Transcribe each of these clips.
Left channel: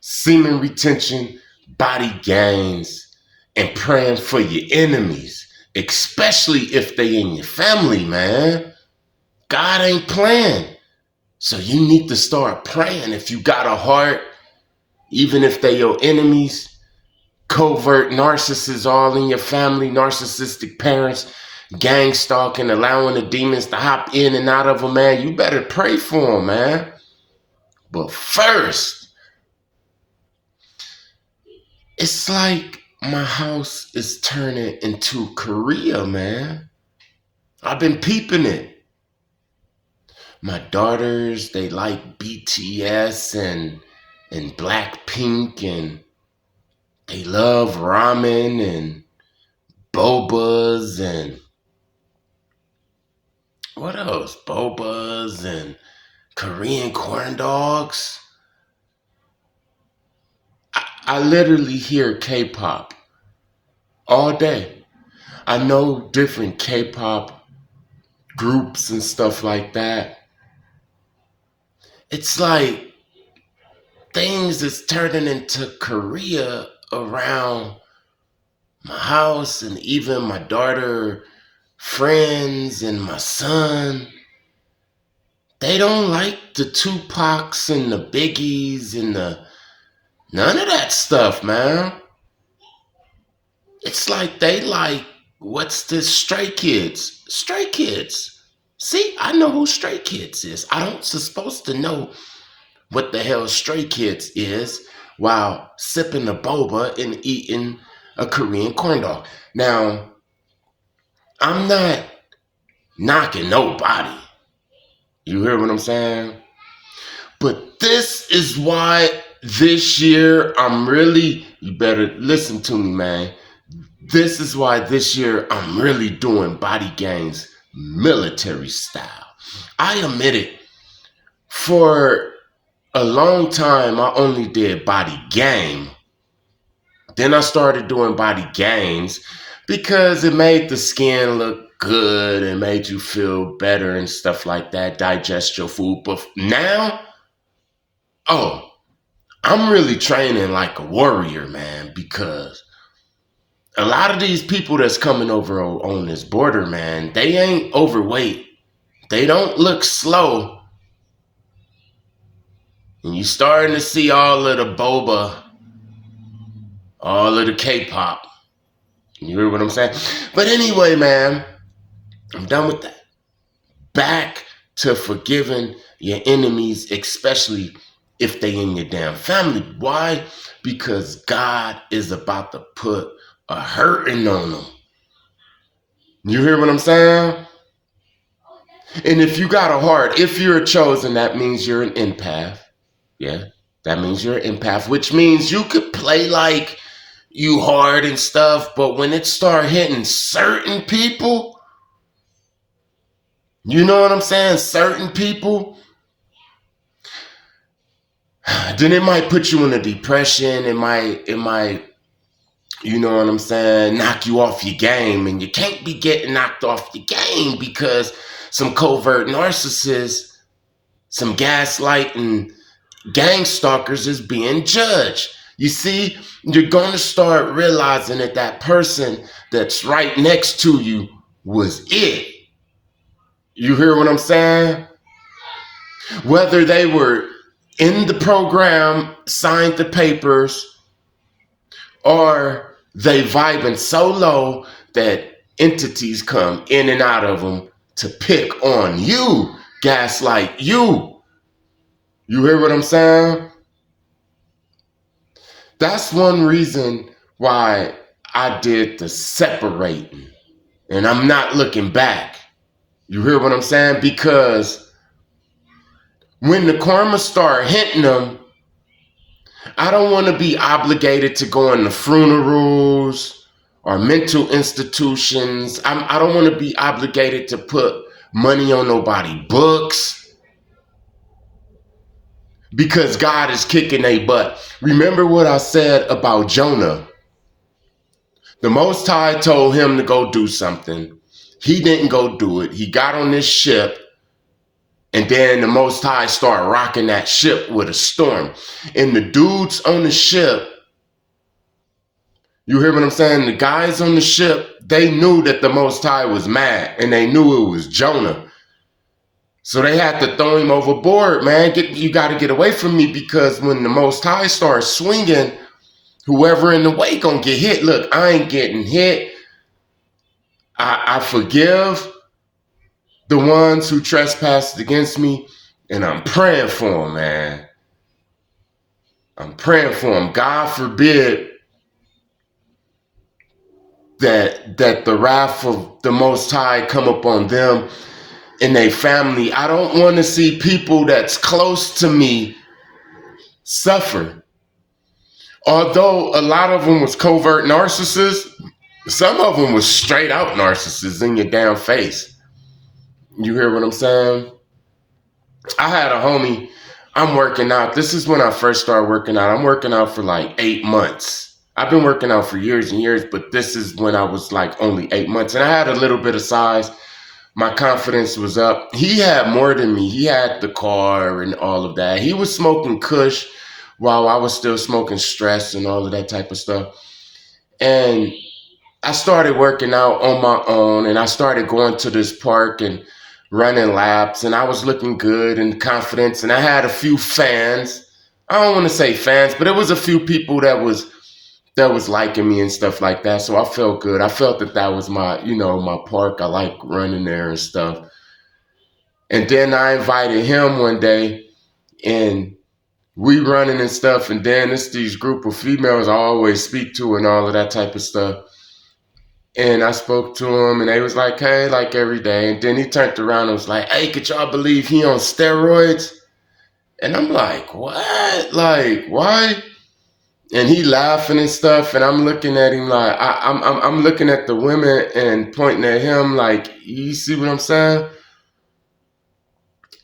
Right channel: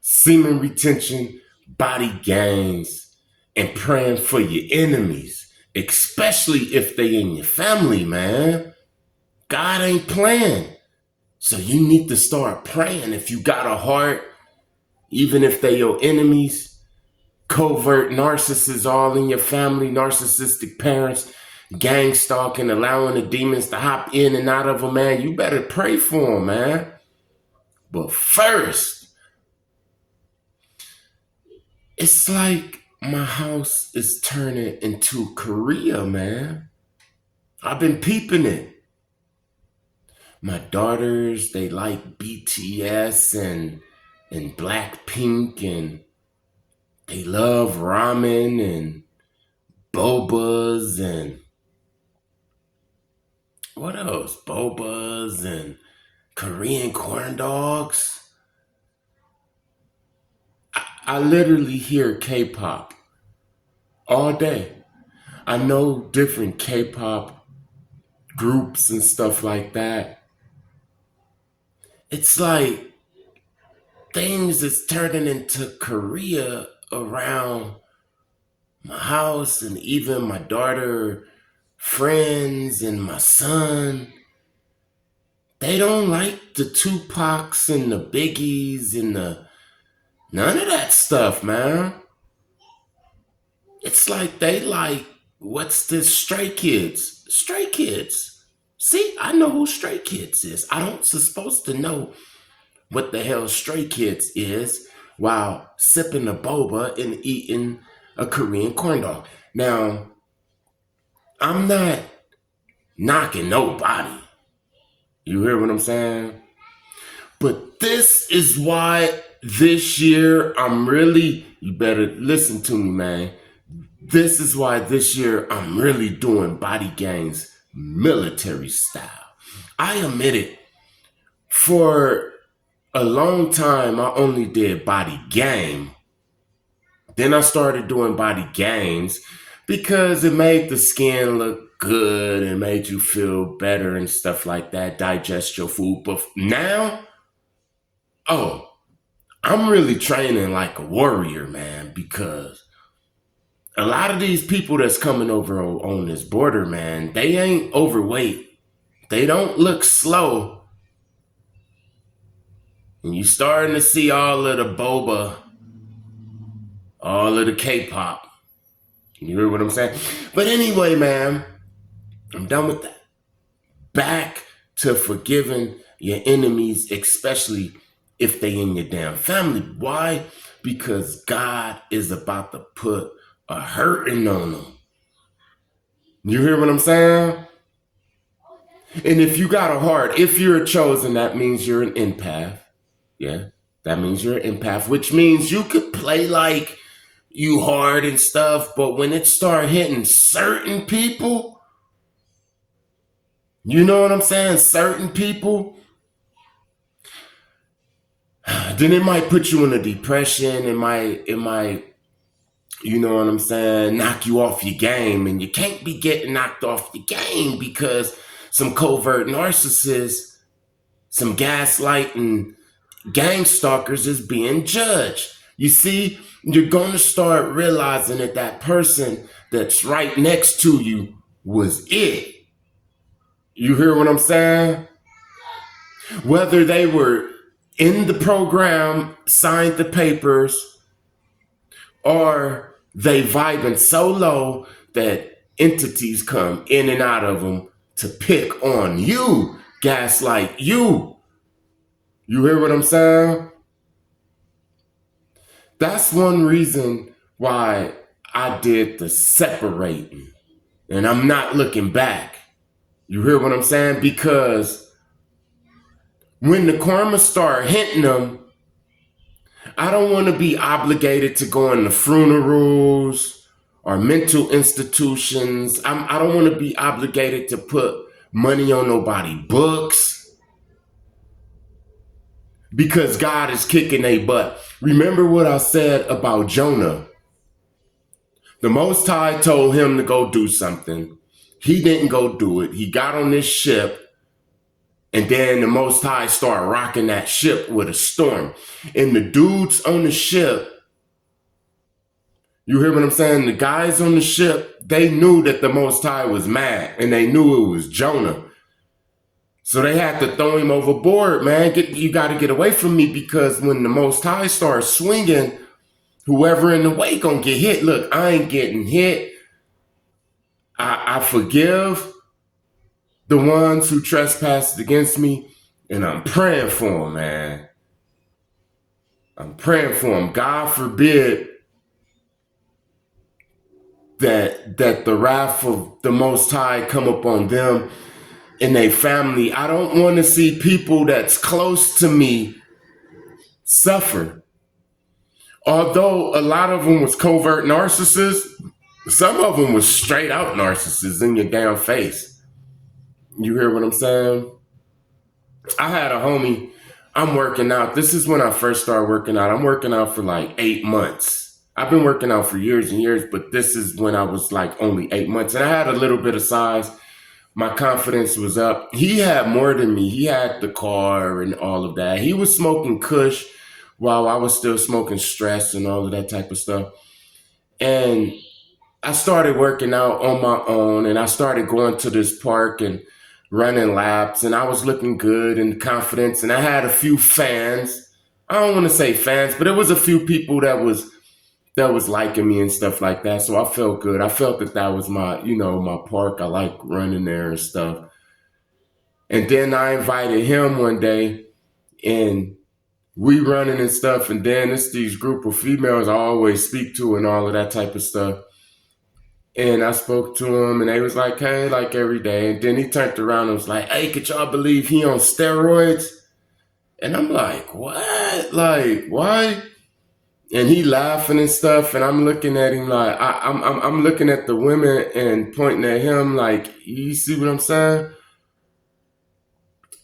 semen retention, body gains, and praying for your enemies, especially if they in your family, man. God ain't playing. So you need to start praying. If you got a heart, even if they your enemies, covert narcissists all in your family, narcissistic parents, gang stalking, allowing the demons to hop in and out of them, man, you better pray for them, man. But first, it's like my house is turning into Korea, man. I've been peeping it. My daughters, they like BTS and Blackpink, and they love ramen and bobas and what else? Bobas and Korean corn dogs. I literally hear K-pop all day. I know different K-pop groups and stuff like that. It's like things is turning into Korea around my house and even my daughter friends and my son. They don't like the Tupacs and the Biggies and none of that stuff, man. It's like they like, what's this, Stray Kids? Stray Kids. See, I know who Stray Kids is. I don't supposed to know what the hell Stray Kids is while sipping a boba and eating a Korean corn dog. Now, I'm not knocking nobody. You hear what I'm saying? But this is why this year you better listen to me, man. This is why this year I'm really doing body gangs military style. I admit it. For a long time, I only did body gang. Then I started doing body gangs because it made the skin look good and made you feel better and stuff like that, digest your food. But now, I'm really training like a warrior, man, because a lot of these people that's coming over on this border, man, they ain't overweight. They don't look slow. And you starting to see all of the boba, all of the K-pop. You hear what I'm saying? But anyway, man, I'm done with that. Back to forgiving your enemies, especially if they in your damn family. Why? Because God is about to put a hurting on them. You hear what I'm saying? And if you got a heart, if you're chosen, that means you're an empath. Yeah, that means you're an empath, which means you could play like you hard and stuff, but when it start hitting certain people, you know what I'm saying? Certain people, then it might put you in a depression. It might, you know what I'm saying, knock you off your game. And you can't be getting knocked off your game because some covert narcissists, some gaslighting gang stalkers is being judged. You see, you're going to start realizing that person that's right next to you was it. You hear what I'm saying? Whether they were in the program, signed the papers, or they vibing so low that entities come in and out of them to pick on you, gaslight you. You hear what I'm saying? That's one reason why I did the separating. And I'm not looking back. You hear what I'm saying? Because when the karma start hitting them, I don't want to be obligated to go into funerals or mental institutions. I don't want to be obligated to put money on nobody's books because God is kicking their butt. Remember what I said about Jonah? The Most High told him to go do something. He didn't go do it. He got on this ship And then the Most High start rocking that ship with a storm. And the dudes on the ship, you hear what I'm saying? The guys on the ship, they knew that the Most High was mad, and they knew it was Jonah. So they had to throw him overboard, man. You got to get away from me, because when the Most High starts swinging, whoever in the way gonna get hit. Look, I ain't getting hit. I forgive the ones who trespassed against me, and I'm praying for them, man. I'm praying for them. God forbid that the wrath of the Most High come upon them and their family. I don't want to see people that's close to me suffer. Although a lot of them was covert narcissists, some of them was straight out narcissists in your damn face. You hear what I'm saying? I had a homie, I'm working out. This is when I first started working out. I'm working out for like 8 months. I've been working out for years and years, but this is when I was like only 8 months. And I had a little bit of size. My confidence was up. He had more than me. He had the car and all of that. He was smoking Kush while I was still smoking stress and all of that type of stuff. And I started working out on my own, and I started going to this park and running laps, and I was looking good and confident, and I had a few fans. I don't want to say fans, but it was a few people that was liking me and stuff like that. So I felt good. I felt that was my, my park. I like running there and stuff. And then I invited him one day, and we running and stuff. And then it's these group of females I always speak to and all of that type of stuff. And I spoke to him, and they was like, hey, like every day. And then he turned around and was like, hey, could y'all believe he on steroids? And I'm like, what? Like, why? And he laughing and stuff, and I'm looking at him like, I'm looking at the women and pointing at him like, you see what I'm saying?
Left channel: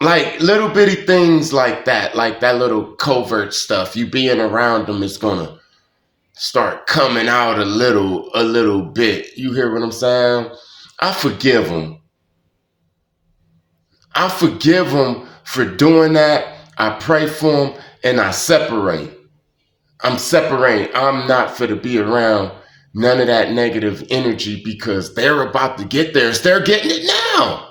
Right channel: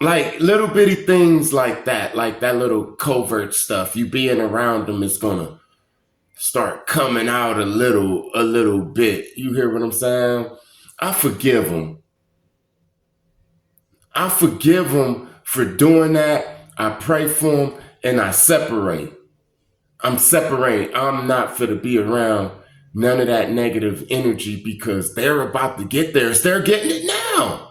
Like little bitty things like that little covert stuff. You being around them is gonna start coming out a little bit. You hear what I'm saying? I forgive him. I forgive him for doing that. I pray for him, and I separate. I'm separating. I'm not for to be around none of that negative energy, because they're about to get theirs. They're getting it now.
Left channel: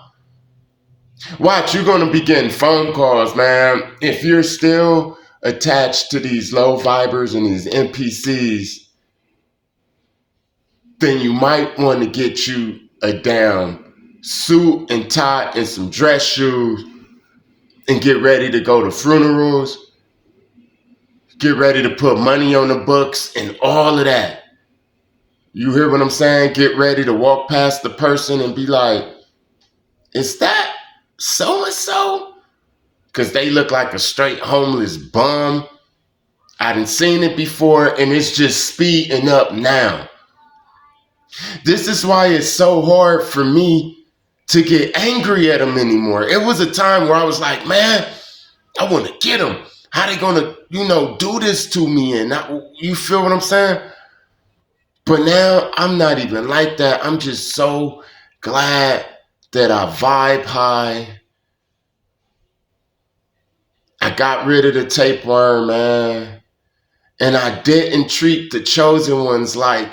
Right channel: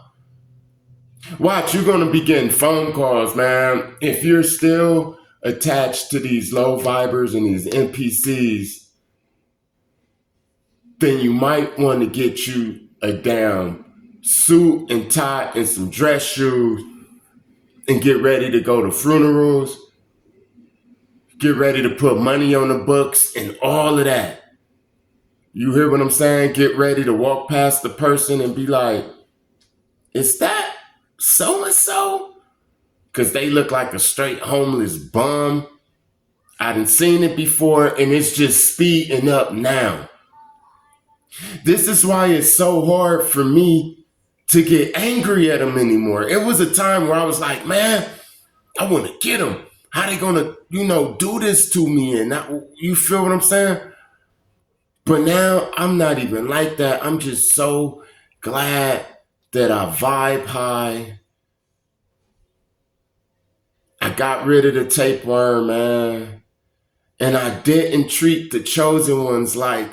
Watch, you're going to be getting phone calls, man. If you're still attached to these low vibers and these NPCs, then you might want to get you a damn suit and tie and some dress shoes and get ready to go to funerals. Get ready to put money on the books and all of that. You hear what I'm saying? Get ready to walk past the person and be like, is that so-and-so? Because they look like a straight homeless bum. I done seen it before, and it's just speeding up now. This is why it's so hard for me to get angry at them anymore. It was a time where I was like, man, I want to get them. How they gonna, do this to me? And you feel what I'm saying? But now I'm not even like that. I'm just so glad that I vibe high. I got rid of the tapeworm, man. And I didn't treat the chosen ones like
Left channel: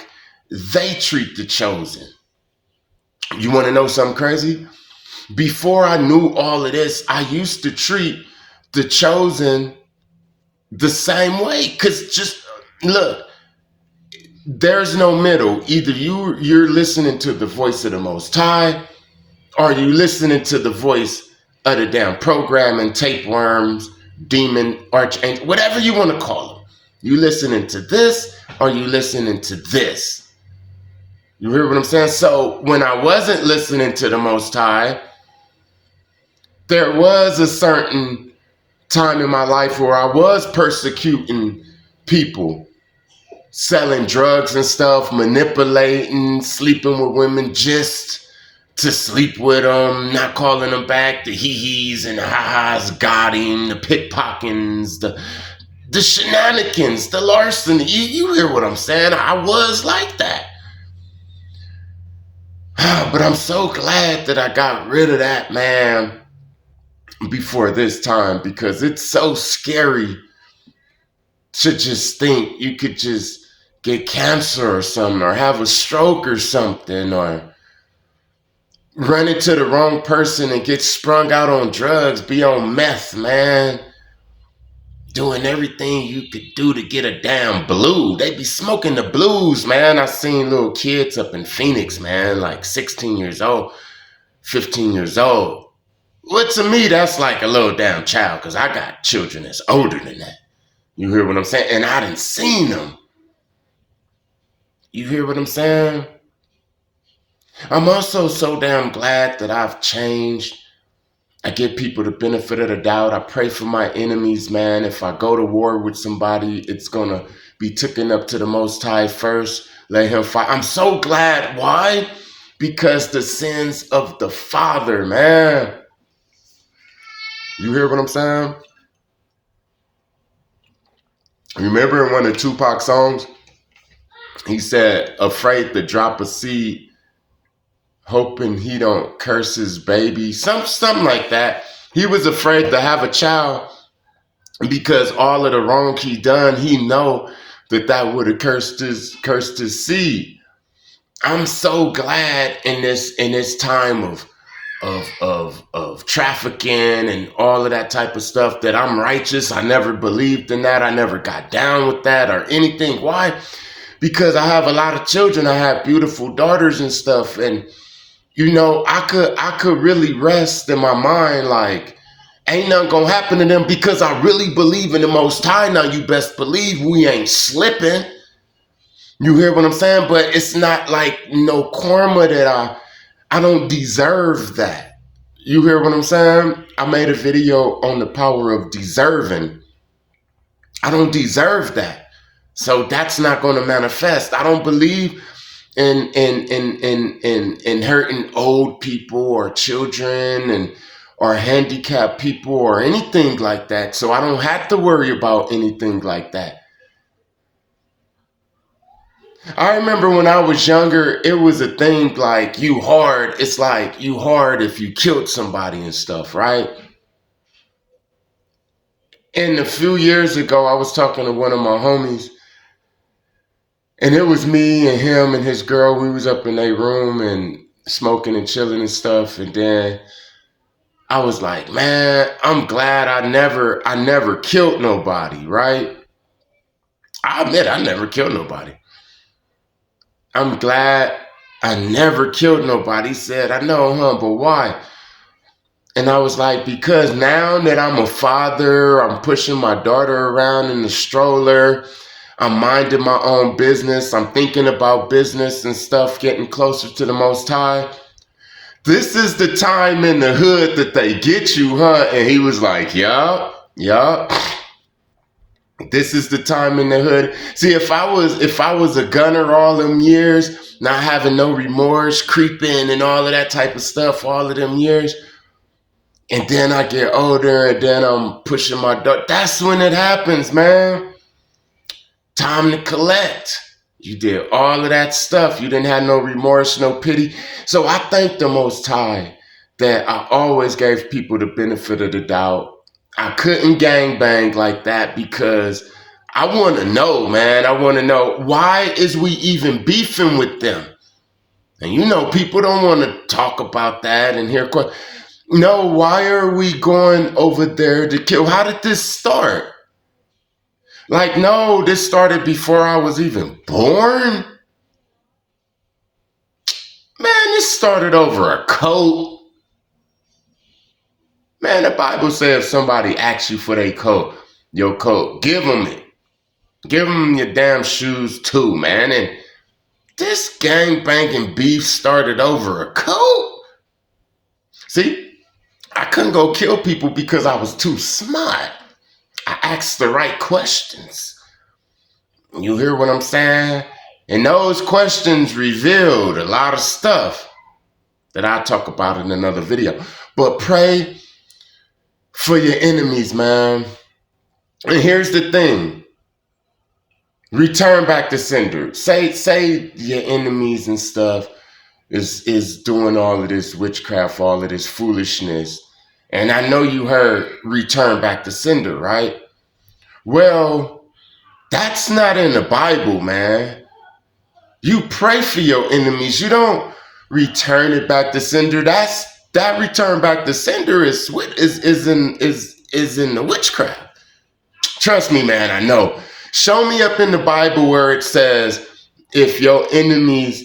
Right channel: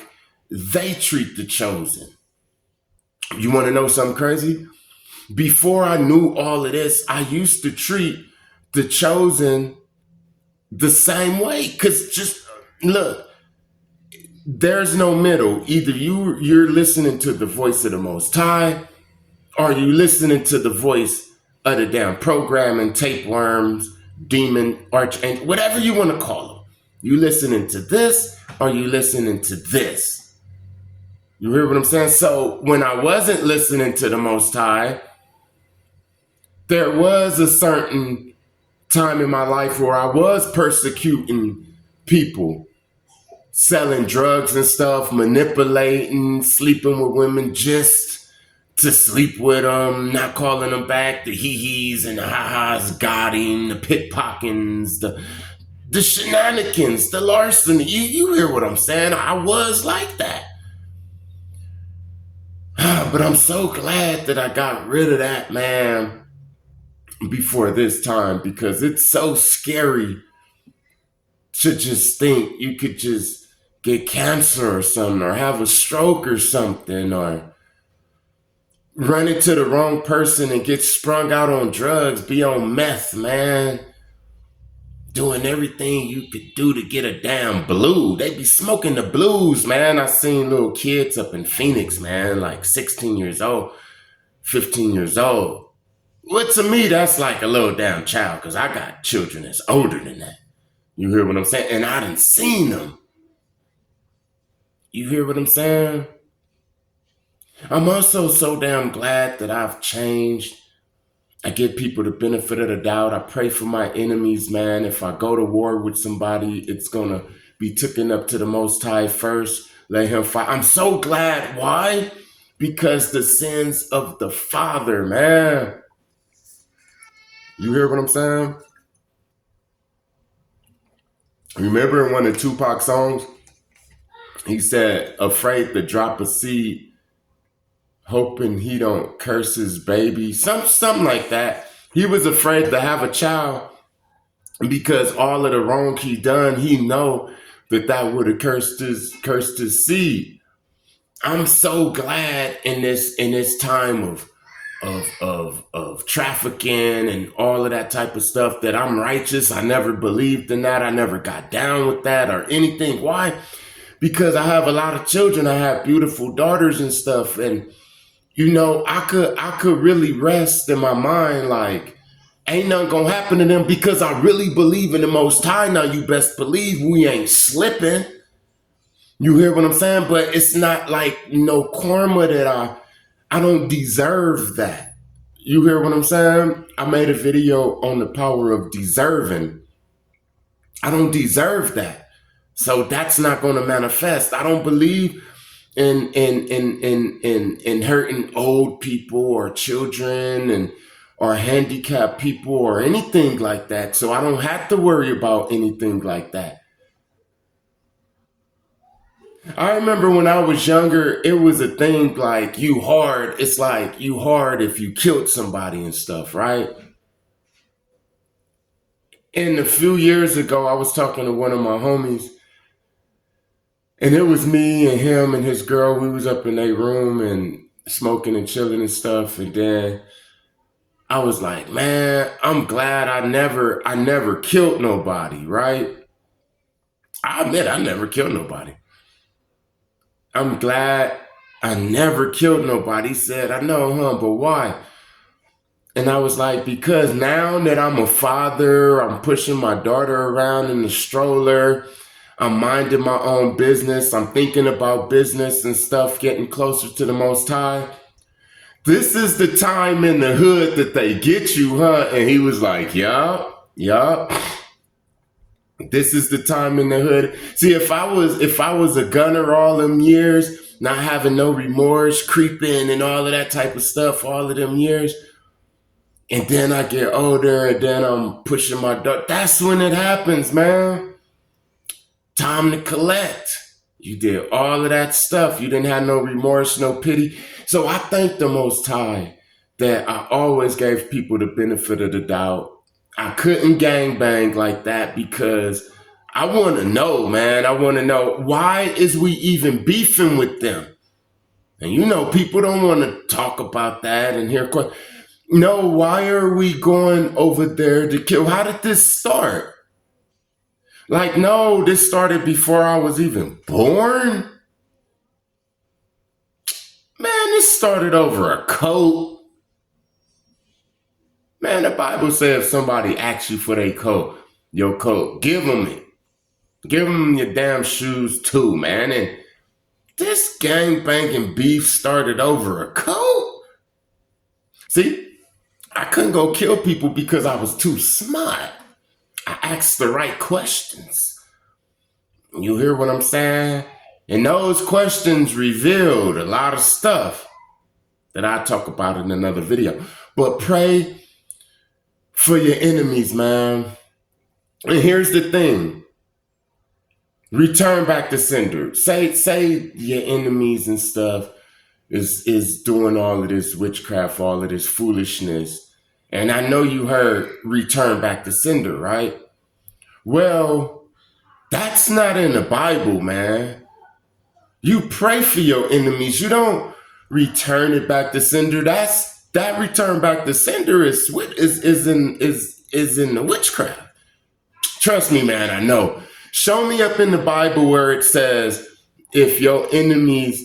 they treat the chosen. You want to know something crazy? Before I knew all of this, I used to treat the chosen the same way. Because just look, there's no middle. Either you're listening to the voice of the Most High, or you listening to the voice of the damn programming, tapeworms, demon, archangel, whatever you want to call them. You listening to this, or you listening to this? You hear what I'm saying? So when I wasn't listening to the Most High, there was a certain time in my life where I was persecuting people, selling drugs and stuff, manipulating, sleeping with women just to sleep with them, not calling them back, the hee-hees and the ha-has got him, the pickpockets, the shenanigans, the larceny. You hear what I'm saying? I was like that. But I'm so glad that I got rid of that, man. before this time, because it's so scary to just think you could just get cancer or something, or have a stroke or something, or run into the wrong person and get sprung out on drugs, be on meth, man. Doing everything you could do to get a damn blue. They be smoking the blues, man. I seen little kids up in Phoenix, man, like 16 years old, 15 years old. Well, to me, that's like a little damn child, because I got children that's older than that. You hear what I'm saying? And I done seen them. You hear what I'm saying? I'm also so damn glad that I've changed. I give people the benefit of the doubt. I pray for my enemies, man. If I go to war with somebody, it's going to be taken up to the Most High first. Let him fight. I'm so glad. Why? Because the sins of the father, man. You hear what I'm saying? Remember in one of Tupac's songs, he said, afraid to drop a seed, hoping he don't curse his baby. Something like that. He was afraid to have a child because all of the wrong he done, he know that would have cursed his seed. I'm so glad in this time of trafficking and all of that type of stuff that I'm righteous. I never believed in that. I never got down with that or anything. Why? Because I have a lot of children. I have beautiful daughters and stuff. And, you know, I could really rest in my mind like, ain't nothing gonna happen to them, because I really believe in the Most High. Now, you best believe we ain't slipping. You hear what I'm saying? But it's not like no karma that I don't deserve that. You hear what I'm saying? I made a video on the power of deserving. I don't deserve that. So that's not going to manifest. I don't believe in hurting old people or children or handicapped people or anything like that. So I don't have to worry about anything like that. I remember when I was younger, it was a thing like you hard. It's like you hard if you killed somebody and stuff, right? And a few years ago, I was talking to one of my homies, and it was me and him and his girl. We was up in their room and smoking and chilling and stuff. And then I was like, man, I'm glad I never killed nobody, right? I admit I never killed nobody. I'm glad I never killed nobody. He said, I know, huh? But why? And I was like, because now that I'm a father, I'm pushing my daughter around in the stroller, I'm minding my own business, I'm thinking about business and stuff, getting closer to the Most High. This is the time in the hood that they get you, huh? And he was like, yup. This is the time in the hood. See, if I was a gunner all them years, not having no remorse, creeping and all of that type of stuff, all of them years, and then I get older and then I'm pushing my daughter, that's when it happens, man. Time to collect. You did all of that stuff. You didn't have no remorse, no pity. So I thank the Most High that I always gave people the benefit of the doubt. I couldn't gangbang like that because I want to know, man. I want to know, why is we even beefing with them? And you know, people don't want to talk about that and hear questions. No, why are we going over there to kill? How did this start? Like, no, this started before I was even born. Man, this started over a coat. Man, the Bible says if somebody asks you for your coat, give them it. Give them your damn shoes too, man. And this gangbanging beef started over a coat. See, I couldn't go kill people because I was too smart. I asked the right questions. You hear what I'm saying? And those questions revealed a lot of stuff that I talk about in another video. But pray for your enemies, man. And here's the thing. Return back to sender. Say your enemies and stuff is doing all of this witchcraft, all of this foolishness. And I know you heard return back to sender, right? Well, that's not in the Bible, man. You pray for your enemies. You don't return it back to sender. That return back to sender is in the witchcraft. Trust me, man, I know. Show me up in the Bible where it says if your enemies